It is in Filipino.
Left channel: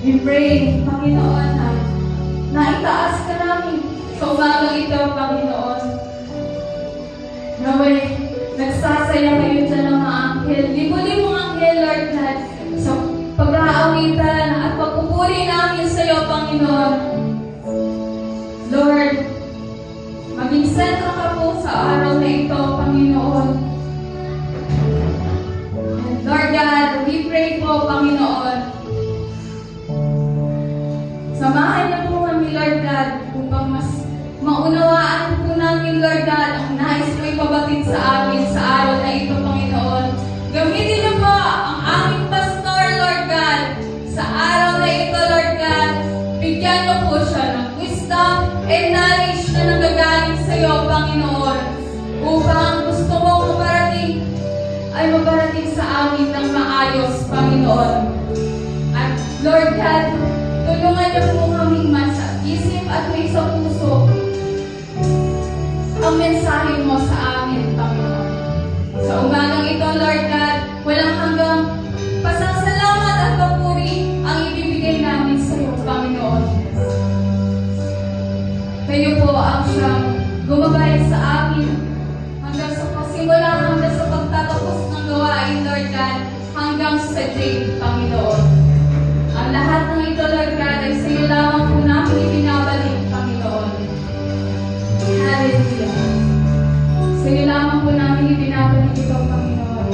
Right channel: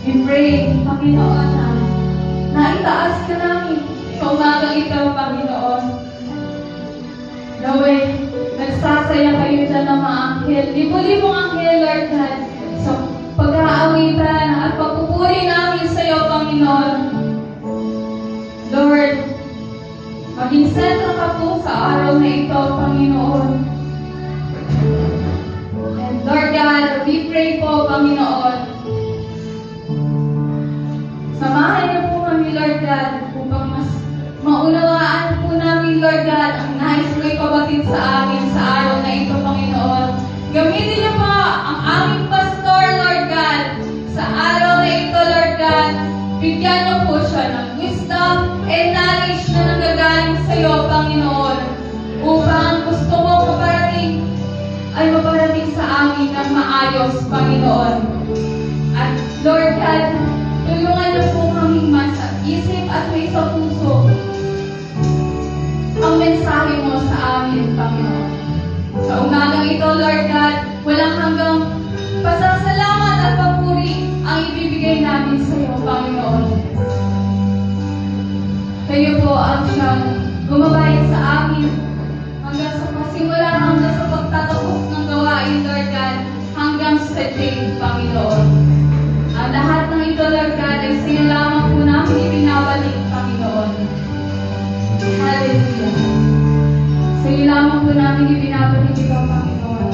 We pray, Panginoon, na itaas ka namin sa umagang ito, Panginoon. Naway, nagsasaya kayo dyan ng mga anghel. Libo-libong anghel, Lord God, sa pag-aawitan at pagpupuri namin sa iyo, Panginoon. Lord, maging sentro ka po sa araw na ito, Panginoon. And Lord God, we pray po, Panginoon, samahan niyo po kami, Lord God, upang mas maunawaan po namin, Lord God, ang nais mo ipabatid sa amin sa araw na ito, Panginoon. Gamitin niyo po ang aming pastor, Lord God, sa araw na ito, Lord God. Bigyan niyo po siya ng wisdom and knowledge na nanggagaling sa iyo, Panginoon, upang ang gusto mo maparating ay maparating sa amin ng maayos, Panginoon. At Lord God, tulungan niyo po kaming masa isip at may sa puso ang mensahe mo sa amin, Panginoon. Sa umagang ito, Lord God, walang hanggang pasasalamat at papuri ang ibibigay namin sa iyo, Panginoon. Kayo po ang siyang gumabay sa amin hanggang sa pasimula, hanggang sa pagtatapos ng gawain, Lord God, hanggang sa day, Panginoon. Ang lahat ng ito, Lord God, ay sa iyo lamang po namin ibinabalik, Panginoon. Hallelujah. Sa iyo lamang po namin ibinabalik ito, Panginoon.